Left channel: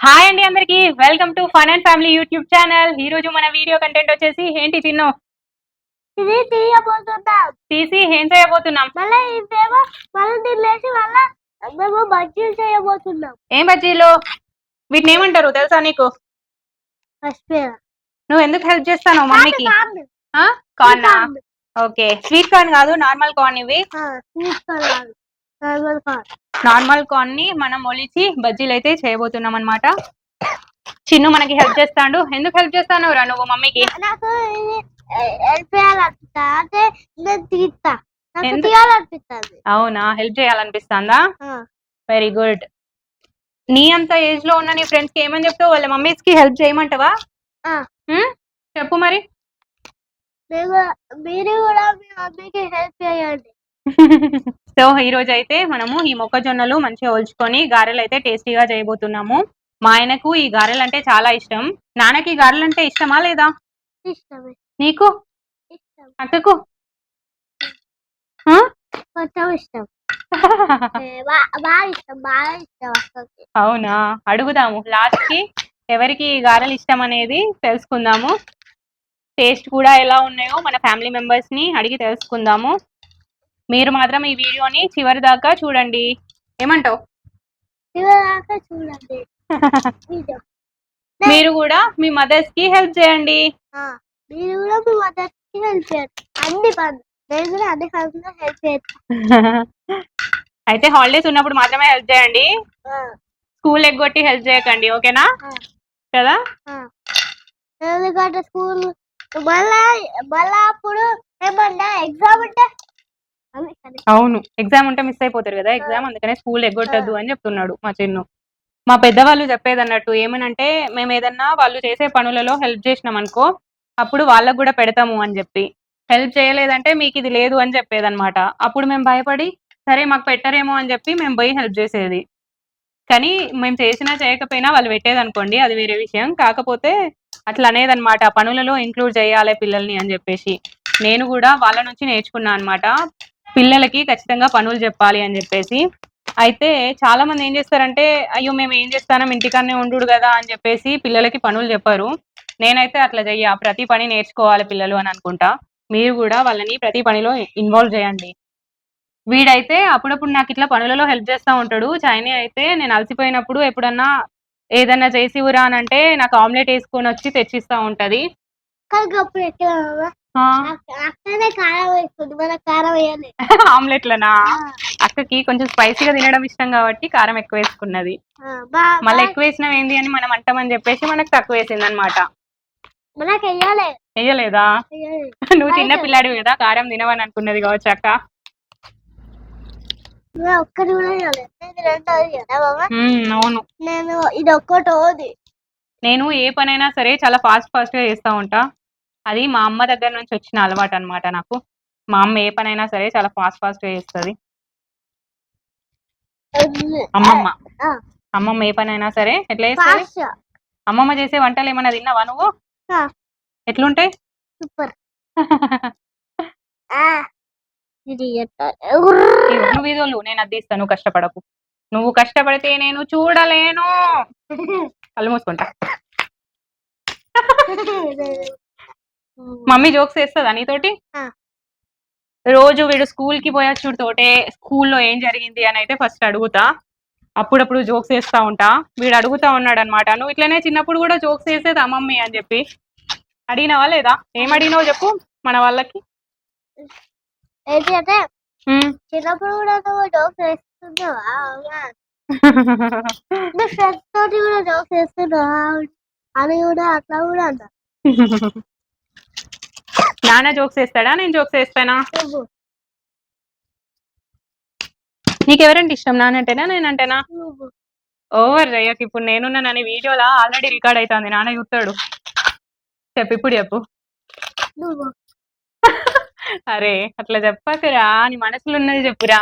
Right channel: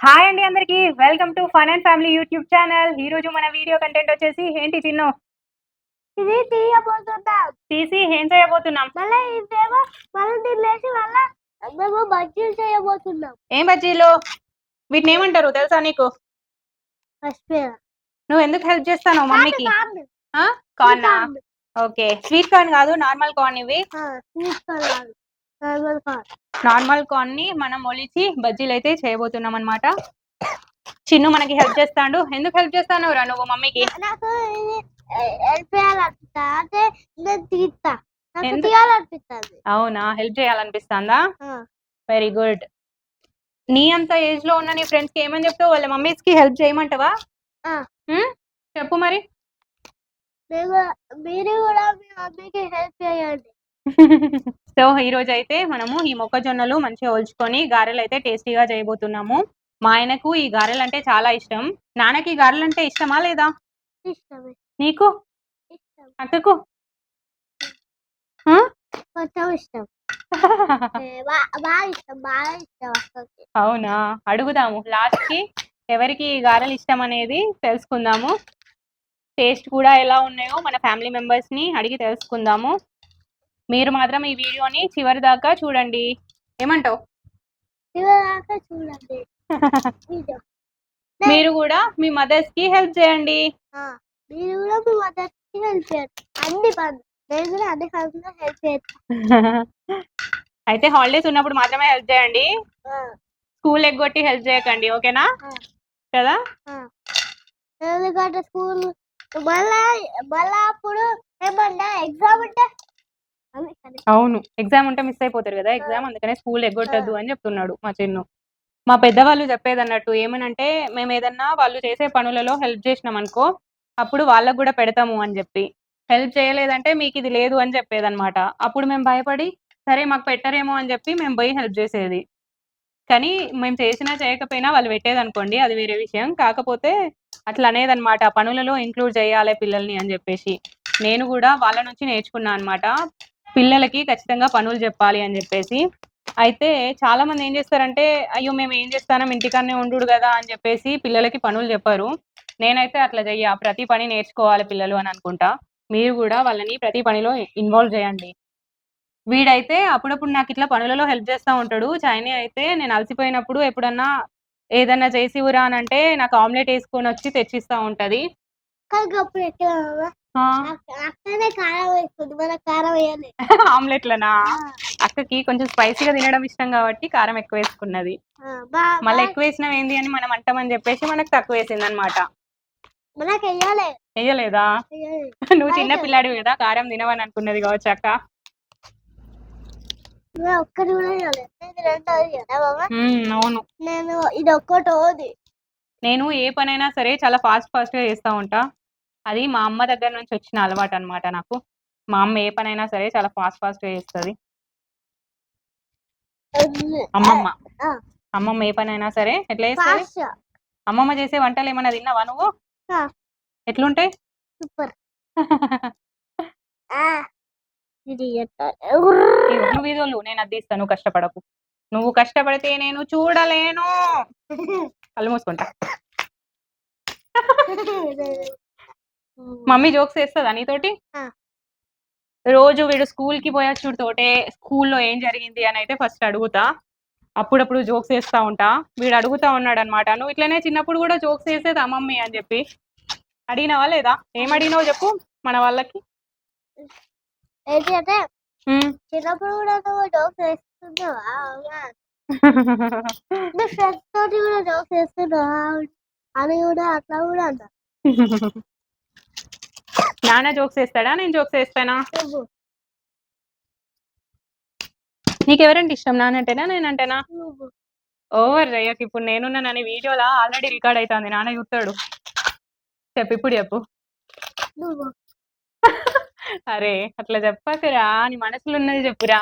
Hi అండి అందరికి. Welcome to fun and family YouTube channel. ఈ రోజు మన వీడియో కంటెంట్ వచ్చేసి ఏంటి తిన్నాం ఇది తీయబోతున్నాం తీసి ఏం చేయబోతున్నాం? మళ్ళీ ఇదేమో మళ్ళీ తినేసి మళ్ళీ మేము బజ్జీలు చేయబోతున్నాం. ఏం బజ్జీలు? వీటిని ఏమంటారు తెలుసా నీకు? నువ్వు ఎందుకు హెల్ప్ చేస్తాను మమ్మీకి? కార్న్ ఓకే స్వీట్ కార్న్ కాదు నార్మల్ కార్న్ ఇవి. నార్మల్ కార్ నార్మల్ కార్న్ని మనం ఒలిచి బజ్జీలు అయితే చేయబోతున్నాం అన్నమాట. చిన్ను మనకి హెల్ప్ చేస్తాడు. ఎందుకు హెల్ప్ చేస్తాను రా నువ్వు మమ్మీకి. అవునా? హెల్ప్ చేయాలనిపిస్తుందా? వెరీ గుడ్ నీ అంత ఏజ్లో ఉన్న నీ ఫ్రెండ్స్కి ఏమని చెప్తావు? వాళ్ళ మమ్మీస్కి హెల్ప్ చేయమంటావా? చెప్పు మరి. మీరు మీరు కూడా మీ మమ్మీకి హెల్ప్ చేయండి. సో ఈ రోజు అయితే మనము ఈ మొక్కజొన్నలు మంచిగా ఒలుచుకొని గారెలు అయితే టేస్టీగా చేయబోతున్నాము. మా ఆయనకు ఈ గారెలు అంటే చాలా ఇష్టం. నాన్నకి ఈ గారెలు అంటే ఇష్టమా లేదా? నీకు? అక్కకు ఇష్టం. అవునా? అడుగుదాము. లాస్ట్కి ఎవరికి ఈ గారెలు ఇష్టం అనేది తెలుసుకుందాము. టేస్ట్ కూడా ఎలా ఉన్నాయో మన ఫ్యామిలీ మెంబర్స్ని అడిగి తెలుసుకుందాము. మీరు మాత్రం ఈ వీడియోని చివరి దాకా చూడండి. ఏమంటావు. మీరు కూడా మీ మదర్స్కి హెల్ప్ చేయండి. మీరు కూడా మీ మదర్కి హెల్ప్ చేయండి. అన్ని పనులు నేను కూడా అన్ని పనులు హెల్ప్ చేస్తాను అయితే హాలిడేస్ ఉన్నప్పుడు మాత్రమే హెల్ప్ చేయండి. స్కూల్ ఎగ్గొట్టి హెల్ప్ చేయకండి ఓకేనా? కదా. ఎందుకంటే స్కూల్ మళ్ళా మళ్ళా అప్పుడు ఏమన్నా ఎగ్జామ్ ఉంటే. అవును. ఎగ్జామ్ ఉంటే మిస్ అయిపోతారు కదా. ఎగ్జామ్ అందుకనే స్కూల్ ఎగ్గొట్టద్దు అని చెప్తున్నాడు మా చిన్ను. మా పెద్దవాళ్ళు చెప్పేది అన్నట్టు ఏమనంటే మేము ఏదన్నా వాళ్ళు చేసే పనులలో హెల్ప్ చేసినాం అనుకో అప్పుడు వాళ్ళకు కూడా పెడతాము అని చెప్పి. హెల్ప్ చేయలేదంటే మీకు ఇది లేదు అని చెప్పేదన్నమాట. అప్పుడు మేము భయపడి సరే మాకు పెట్టరేమో అని చెప్పి మేము పోయి హెల్ప్ చేసేది. కానీ మేము చేసినా చేయకపోయినా వాళ్ళు పెట్టేది అనుకోండి అది వేరే విషయం. కాకపోతే అట్లా అనేదన్నమాట. పనులలో ఇంక్లూడ్ చేయాలి పిల్లల్ని అని చెప్పేసి. నేను కూడా వాళ్ళ నుంచి నేర్చుకున్నాను అనమాట పిల్లలకి ఖచ్చితంగా పనులు చెప్పాలి అని చెప్పేసి. అయితే చాలా మంది ఏం చేస్తారంటే అయ్యో మేము ఏం చేస్తానం? ఇంటికన్నే ఉండు కదా అని చెప్పేసి పిల్లలకి పనులు చెప్పారు. నేనైతే అట్లా చెయ్య. ప్రతి పని నేర్చుకోవాలి పిల్లలు అని అనుకుంటా. మీరు కూడా వాళ్ళని ప్రతి పనిలో ఇన్వాల్వ్ చేయండి. వీడైతే అప్పుడప్పుడు నాకు ఇట్లా పనులలో హెల్ప్ చేస్తూ ఉంటాడు. చైనీ అయితే నేను అలసిపోయినప్పుడు ఎప్పుడన్నా ఏదన్నా చేసి ఉరా అని అంటే నాకు ఆమ్లెట్ వేసుకొని వచ్చి తెచ్చిస్తూ ఉంటది. కానీ అప్పుడు ఎట్లా అవ్వ? ఆ, అక్క- అక్కనే కారం వేస్తుంది మన కారం వేయాలి. ఆమ్లెట్లనా? అక్కకి కొంచెం స్పైసీగా తినడం ఇష్టం కాబట్టి కారం ఎక్కువ వేసుకున్నది. మళ్ళీ ఎక్కువ వేసినాం ఏంది అని మనం అంటామని చెప్పేసి మనకు తక్కువ వేసింది అనమాట వేయలేదా. నువ్వు చిన్న పిల్లాడివి కదా కారం తినవని అనుకున్నది కావచ్చు అక్క. అవును. నేను ఇది ఒక్కటోది నేను ఏ పనైనా సరే చాలా ఫాస్ట్ ఫాస్ట్గా చేస్తూ ఉంటా. అది మా అమ్మ దగ్గర నుంచి వచ్చిన అలవాటు అన్నమాట నాకు. మా అమ్మ ఏ పనైనా సరే చాలా ఫాస్ట్ ఫాస్ట్ చేస్తుంది. అమ్మమ్మ. అమ్మమ్మ ఏ పనైనా సరే ఎట్లా చేస్తుంది? అమ్మమ్మ చేసే వంటలు ఏమైనా తిన్నావా నువ్వు. ఎట్లుంటాయి? సూపర్. నువ్వు ఇదోళ్ళు నేను అది ఇస్తాను కష్టపడకు. నువ్వు కష్టపడితే నేను చూడలేను. కళ్ళు మూసుకుంటా. మమ్మీ జోక్స్ వేస్తుందా నీతోటి. రోజు వీడు స్కూల్కి పోయొచ్చుడు తోటే స్కూల్లో ఏం జరిగింది అని అయితే ఫస్ట్ అడుగుతా. అప్పుడప్పుడు జోక్స్ వేస్తా ఉంటా. వీడు అడుగుతా ఉన్నాడు అనమాట నువ్వు ఇట్లనే చిన్నప్పుడు కూడా జోక్స్ వేసేదా మమ్మీ అని చెప్పి? అడిగినావా లేదా? ఏం అడిగినావు చెప్పు మన వాళ్ళకి. చిన్నప్పుడు కూడా నువ్వు జోక్స్ వేస్తున్నావా? ఫ్రెండ్స్ తోటి కూడా జోక్స్ వేస్తున్నావా? అని కూడా అట్లా కూడా అంట. నాన్న జోక్స్ వేస్తాడా? నేను జోక్స్ వేస్తానా? నువ్వు నీకు ఎవరంటే ఇష్టం నానంటేనా? నేనంటేనా ఓవర్ రేయక్ ఇప్పుడు నేనున్నానని వీడియోలో ఆల్రెడీ రికార్డ్ అవుతుంది నాన్న చూస్తాడు. చెప్పు ఇప్పుడు చెప్పు. అరే అట్లా చెప్పకురా నీ మనసులో ఉన్నది చెప్పురా?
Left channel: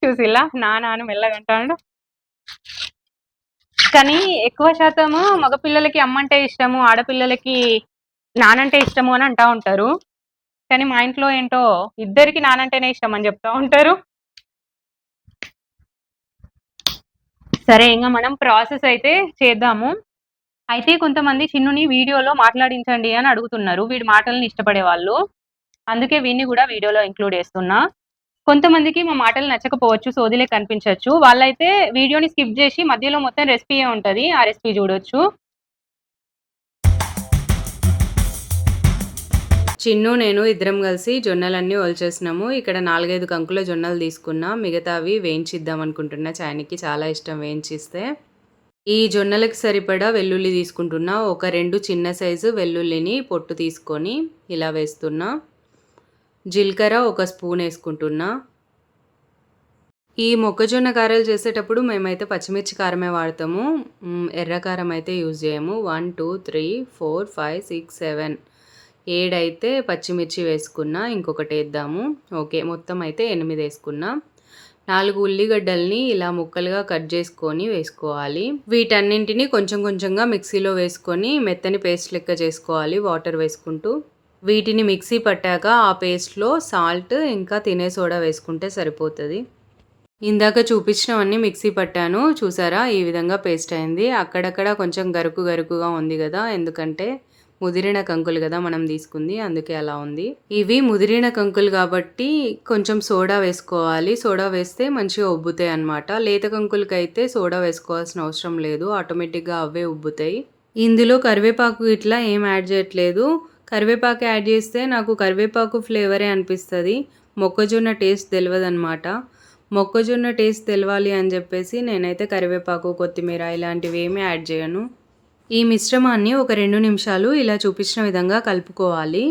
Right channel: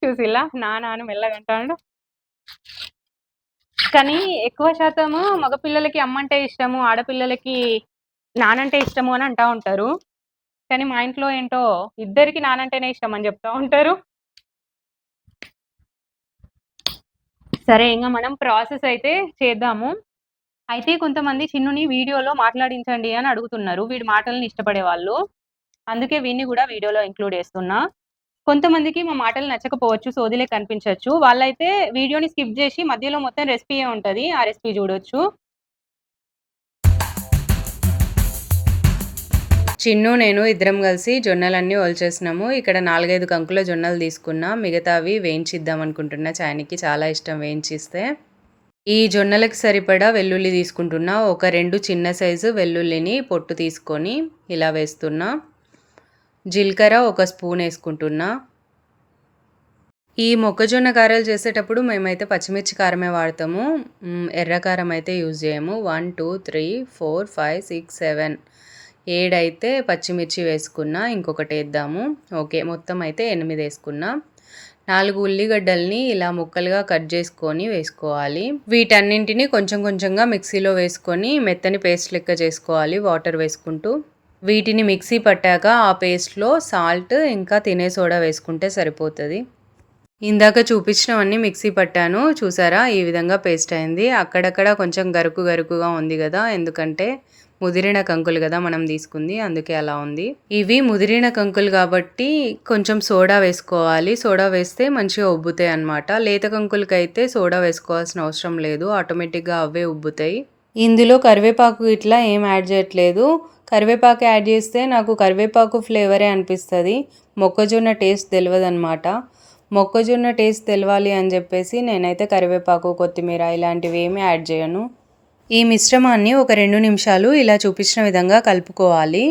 చూసిలా నాన్న మెల్లగంటాడు. కానీ ఎక్కువ శాతము మగపిల్లలకి అమ్మంటే ఇష్టము ఆడపిల్లలకి నానంటే ఇష్టము అని అంటా ఉంటారు. కానీ మా ఇంట్లో ఏంటో ఇద్దరికి నానంటేనే ఇష్టం అని చెప్తా ఉంటారు. సరే ఇంకా మనం ప్రాసెస్ అయితే చేద్దాము. అయితే కొంతమంది చిన్నుని వీడియోలో మాట్లాడించండి అని అడుగుతున్నారు. వీడి మాటలను ఇష్టపడే వాళ్ళు అందుకే వీడిని కూడా వీడియోలో ఇంక్లూడ్ చేస్తున్నా. కొంతమందికి మా మాటలు నచ్చకపోవచ్చు సోదిలే కనిపించవచ్చు. వాళ్ళైతే వీడియోని స్కిప్ చేసి మధ్యలో మొత్తం రెసిపీ ఉంటుంది ఆ రెసిపీ చూడొచ్చు. చిన్ను నేను ఇద్దరం కలిసి జొన్నలన్నీ ఒలిచేసినాము. ఇక్కడ నాలుగైదు కంకుల జొన్నలు తీసుకున్నా. మిగతావి వేయించిద్దాం అనుకుంటున్నా. చాయనికి చాలా ఇష్టం వేయించిస్తే. ఈ జొన్నలకు సరిపడా వెల్లుల్లి తీసుకుంటున్నా. ఒక రెండు చిన్న సైజు వెల్లుల్లిని పొట్టు తీసుకొని ఇలా వేస్తున్నా. జీలకర్ర ఒక స్పూన్ వేసుకుంటున్నా. ఈ మొక్కజొన్న కారాలు చేసేటప్పుడు మేమైతే పచ్చిమిర్చి కారమే వాడతాము. ఎర్ర కారం అయితే యూజ్ చేయము. One two three four five six seven ఏడైతే పచ్చిమిర్చి వేసుకున్నా ఇంకొకటి వేద్దాము. ఓకే మొత్తం అయితే ఎనిమిది వేసుకున్నా. నాలుగు ఉల్లిగడ్డల్ని ఇలా ముక్కలుగా కట్ చేసుకొని వేసుకోవాలి. వీటన్నింటిని కొంచెం కొంచెంగా మిక్సీలో వేసుకొని మెత్తని పేస్ట్ లెక్క చేసుకోవాలి వాటర్ వేసుకుంటూ. వీటిని మిక్సీ పట్టాక ఆ పేస్ట్లో సాల్ట్ ఇంకా తినే సోడా వేసుకుంటే సరిపోతుంది. ఇందాక చూపించినవన్నీ మిక్సీ పట్టాను. చూసారా? ఈ విధంగా పేస్ట్ అయింది. అక్కడక్కడ కొంచెం గరుకు గరుకుగా ఉంది కదా? ఎందుకంటే ముదిరిన కంకులు కదా మనం తీసుకుంది. అందుకే అలా ఉంది. ఇవి ముదిరిన కంకులు కాబట్టి కొంచెం సోడా వేసుకోవాలి. సోడా వేస్తే మంచిగా ఉబ్బుతాయి అన్నమాట. లేత కంకులకైతే సోడా వేసుకోవాల్సిన అవసరం లేదు. ఆటోమేటిక్గా అవే ఉబ్బుతాయి. ఇందులో కరివేపాకు ఇట్లా ఏం యాడ్ చేయట్లేదు. కరివేపాకు యాడ్ చేస్తే నాకు కరివేపాకు ఫ్లేవరే అనిపిస్తుంది. మొక్కజొన్న టేస్ట్ తెలియదు అనమాట మొక్కజొన్న టేస్ట్ తెలవాలి అని చెప్పేసి నేనైతే కరివేపాకు కొత్తిమీర ఇలాంటివి ఏమీ యాడ్ చేయను. ఈ మిశ్రమాన్ని ఒక రెండు నిమిషాలు ఇలా చూపించిన విధంగా కలుపుకోవాలి.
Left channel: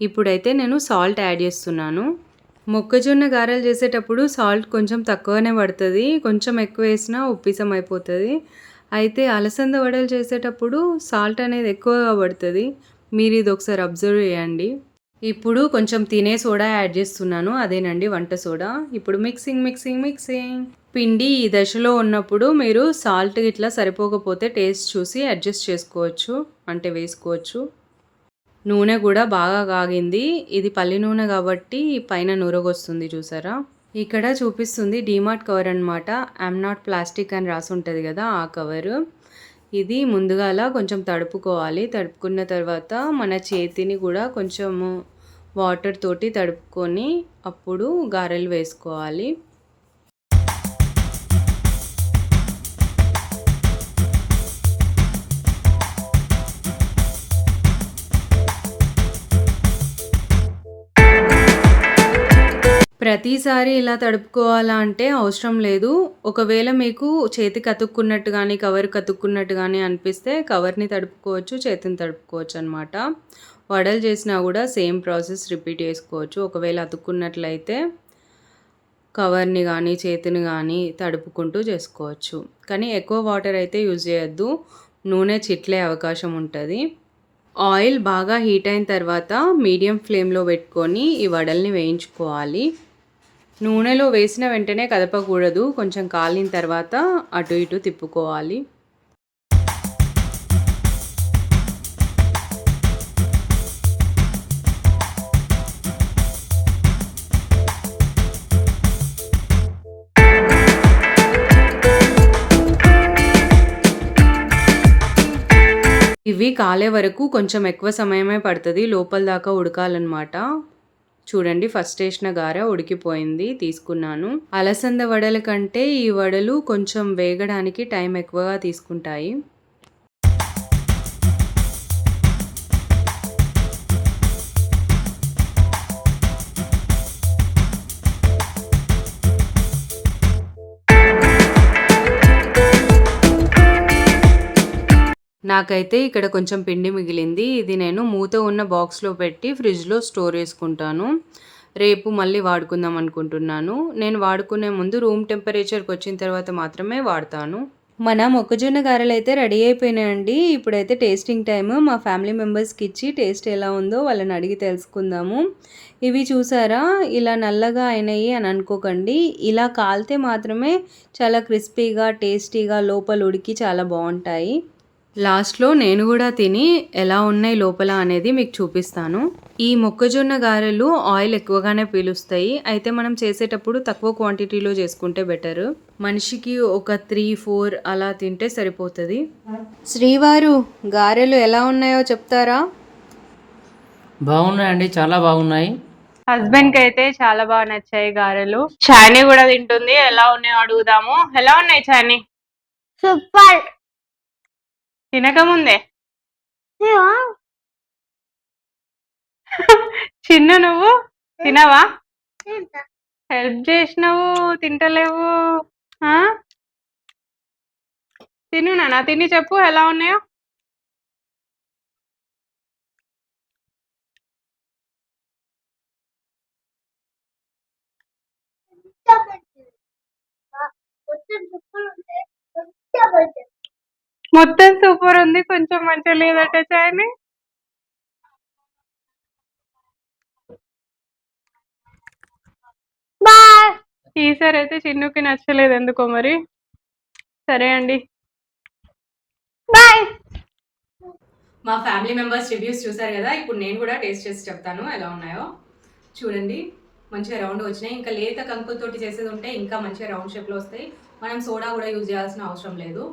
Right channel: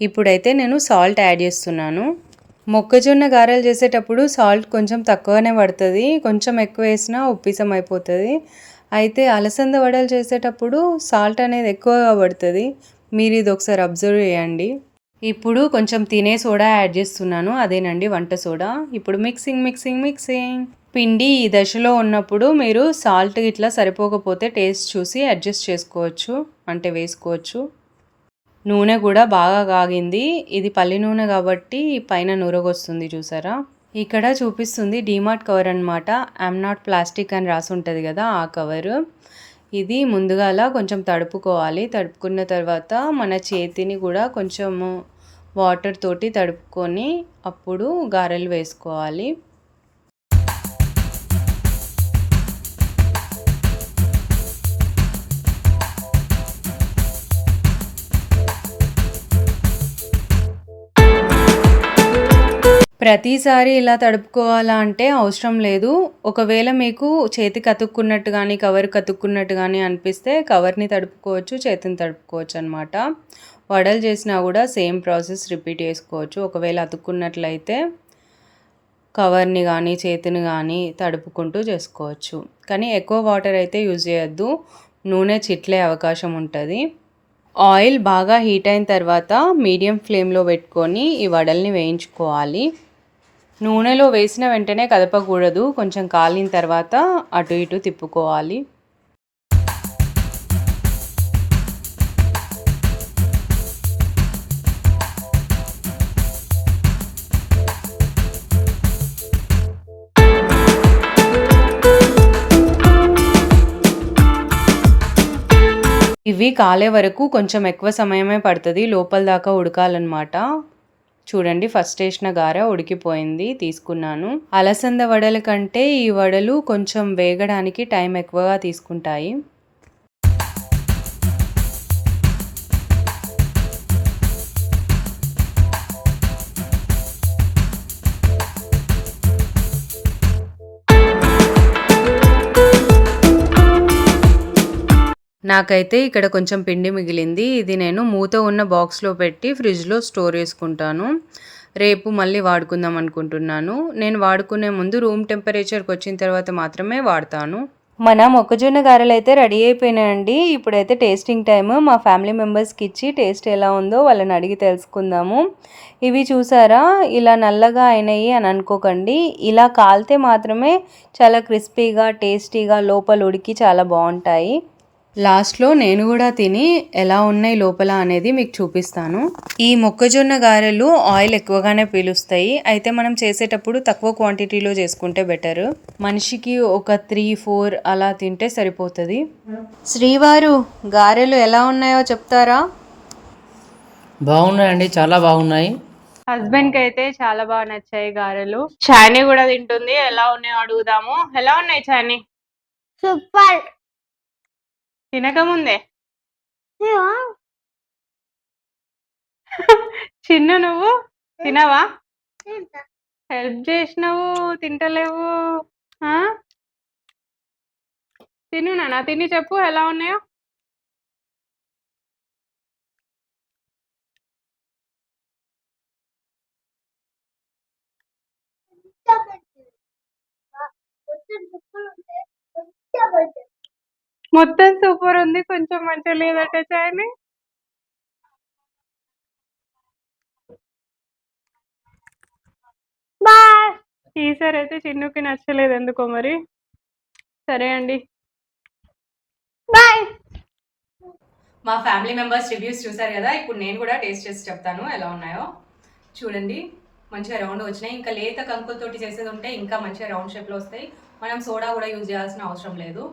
ఇప్పుడైతే నేను సాల్ట్ యాడ్ చేస్తున్నాను. మొక్కజొన్న గారెలు చేసేటప్పుడు సాల్ట్ కొంచెం తక్కువనే పడుతుంది. కొంచెం ఎక్కువ వేసినా ఉప్పిసం అయిపోతుంది. అయితే అలసంద వడలు చేసేటప్పుడు సాల్ట్ అనేది ఎక్కువగా పడుతుంది. మీరు ఇది ఒకసారి అబ్జర్వ్ చేయండి. ఇప్పుడు కొంచెం తినే సోడా యాడ్ చేస్తున్నాను. అదేనండి వంట సోడా. ఇప్పుడు మిక్సింగ్ మిక్సింగ్ మిక్సింగ్. పిండి ఈ దశలో ఉన్నప్పుడు మీరు సాల్ట్ ఇట్లా సరిపోకపోతే టేస్ట్ చూసి అడ్జస్ట్ చేసుకోవచ్చు. అంటే వేసుకోవచ్చు. నూనె కూడా బాగా కాగింది. ఇది పల్లి నూనె కాబట్టి పైన నూరగొస్తుంది చూసారా? ఇక్కడ చూపిస్తుంది డీమార్ట్ కవర్ అనమాట ఐఎమ్ నాట్ ప్లాస్టిక్ అని రాసి ఉంటుంది కదా ఆ కవరు. ఇది ముందుగాల కొంచెం తడుపుకోవాలి. తడుపుకున్న తర్వాత మన చేతిని కూడా కొంచెము వాటర్ తోటి తడుపుకొని అప్పుడు గారెలు వేసుకోవాలి. ప్రతిసారి ఇలా తడుపుకోవాలా అంటే అవసరం లేదు. ఒకవేళ మీకు చేతికి అతుక్కున్నట్టు కానీ కవర్ కతుక్కున్నట్టు కానీ అనిపిస్తే కవర్ని తడుపుకోవచ్చు చేతిని తడుపుకోవచ్చు అనమాట వడలు చేసినా కూడా సేమ్ ప్రాసెస్ రిపీట్ చేసుకోవచ్చు. ఒకవేళ అతుక్కున్నట్లయితే కవర్ని కానీ చేతిని కానీ తడుపుకుంటూ చేసుకోవచ్చు. కానీ ఎక్కువ వాటర్ అయితే యూజ్ చేయొద్దు. నూనె చిట్లే అవకాశం ఉంటుంది. ఆయిల్ బాగా హీట్ అయిన తర్వాత మీడియం ఫ్లేమ్లో పెట్టుకొని ఈ వడల్ని వేయించుకోవాలి. నూనెలో వేసిన వెంటనే కదపకూడదు. కొంచెం కాలిన తర్వాత అటు ఇటు తిప్పుకోవాలి. ఇవి కాలే వరకు కొంచెం ఎక్కువ సమయమే పడుతుంది. లోపల దాకా ఉడకాలన్నమాట. చూడండి ఫస్ట్ వేసిన గార ఉడికిపోయింది తీసుకున్నాను. అలసంద వడల కంటే ఈ వడలు కొంచెం వేగడానికి టైం ఎక్కువగా తీసుకుంటాయి. నాకైతే ఇక్కడ కొంచెం పిండి మిగిలింది. ఇది నేను మూత ఉన్న బాక్స్లో పెట్టి ఫ్రిడ్జ్లో స్టోర్ చేసుకుంటాను. రేపు మళ్ళీ వాడుకుందాం అనుకుంటున్నాను. నేను వాడుకునే ముందు రూమ్ టెంపరేచర్కి వచ్చిన తర్వాత మాత్రమే వాడతాను. మన మొక్కజొన్న గారెలు అయితే రెడీ అయిపోయినాయండి. ఇప్పుడైతే టేస్టింగ్ టైం మా ఫ్యామిలీ మెంబర్స్కి ఇచ్చి టేస్ట్ ఎలా ఉందో వాళ్ళని అడిగి తెలుసుకుందాము. ఇవి చూసారా? ఇలా నల్లగా అయినాయి అని అనుకోకండి. ఇలా కాలితే మాత్రమే చాలా క్రిస్పీగా టేస్టీగా లోపల ఉడికి చాలా బాగుంటాయి. లాస్ట్లో నేను కూడా తిని ఎలా ఉన్నాయి లోపల అనేది మీకు చూపిస్తాను. ఈ మొక్కజొన్న గారెలు ఆయిల్ ఎక్కువగానే పీలుస్తాయి. అయితే మనం చేసేటప్పుడు తక్కువ క్వాంటిటీలో చేసుకుంటే బెటర్. మనిషికి ఒక త్రీ ఫోర్ అలా తింటే సరిపోతుంది. శ్రీవారు గారెలు ఎలా ఉన్నాయో చెప్తారా? బాగున్నాయండి. చాలా బాగున్నాయి. హస్బెండ్కి అయితే చాలా బాగా నచ్చాయి గారెలు. చానీ కూడా తింటుంది. ఎలా ఉన్నాయో అడుగుదాము. ఎలా ఉన్నాయి చానీ సూపర్. తినక ముందే చిన్ను నువ్వు? తినవా? హెల్ప్ చేసినావు తింటలేవు ఆ? తిను నాన్న తిని చెప్పు ఎలా ఉన్నాయో? మొత్తం సూపర్ ఉంది. కొంచెం మంచిగా లేదట చాయని బాయ్. ఈసారి అయితే చిన్నుకి నచ్చలేదు ఎందుకో మరి. సరే అండి. బాయ్. మా ఫ్యామిలీ మెంబర్స్ రివ్యూస్ చూసారు కదా ఇప్పుడు నేను కూడా టేస్ట్ చేసి చెప్తాను ఎలా ఉన్నాయో. చూడండి మంచిగా రౌండ్ వచ్చినాయి. ఇంకా లేత కంకులతోటి చేసేది ఉంటే ఇంకా మంచిగా రౌండ్ షేప్లో వస్తాయి. మనం సోడా కూడా యూజ్ చేయాల్సిన అవసరం లేదు.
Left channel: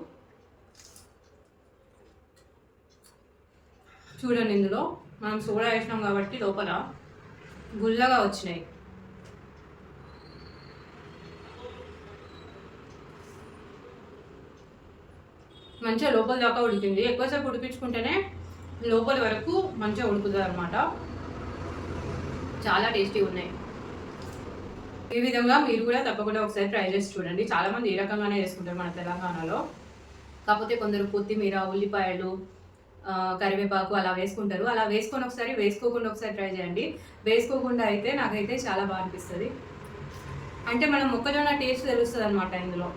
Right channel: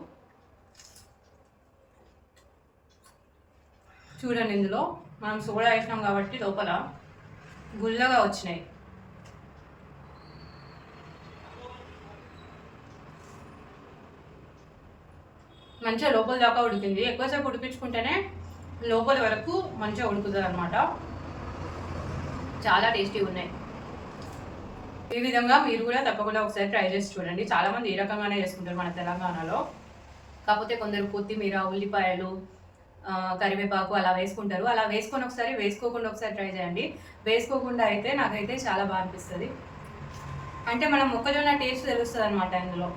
చూడండి ఇందులో. మనం సోడా వేసినాం కాబట్టి లోపల గుల్లగా వచ్చినాయి. మంచిగా లోపల దాకా ఉడికింది. ఎక్కువసేపు ఉడిపించుకుంటేనే లోపల వరకు మంచిగా ఉడుకుతుంది అనమాట చాలా టేస్టీ ఉన్నాయి. ఈ విధంగా మీరు కూడా తప్పకుండా ఒకసారి ట్రై చేసి చూడండి. చాలామంది ఈ రకంగానే చేసుకుంటారు మన తెలంగాణలో. కాకపోతే కొందరు కొత్తిమీర ఉల్లిపాయలు కరివేపాకు అలా వేసుకుంటారు. అలా వేసుకొని ఒకసారి వేసుకోకుండా ఒకసారి ట్రై చేయండి. వేసుకోకుండా అయితే నాకైతే చాలా బాగా అనిపిస్తుంది. అంటే మనం మొక్కజొన్న టేస్ట్ తెలుస్తుంది అనమాట ఇందులో.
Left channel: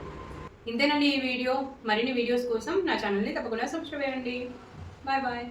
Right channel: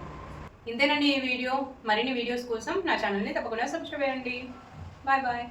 ఇంతేనండి ఈ వీడియో. మరిన్ని వీడియోస్ కోసం నా ఛానల్ని తప్పకుండా సబ్స్క్రైబ్ చేయండి. Bye bye.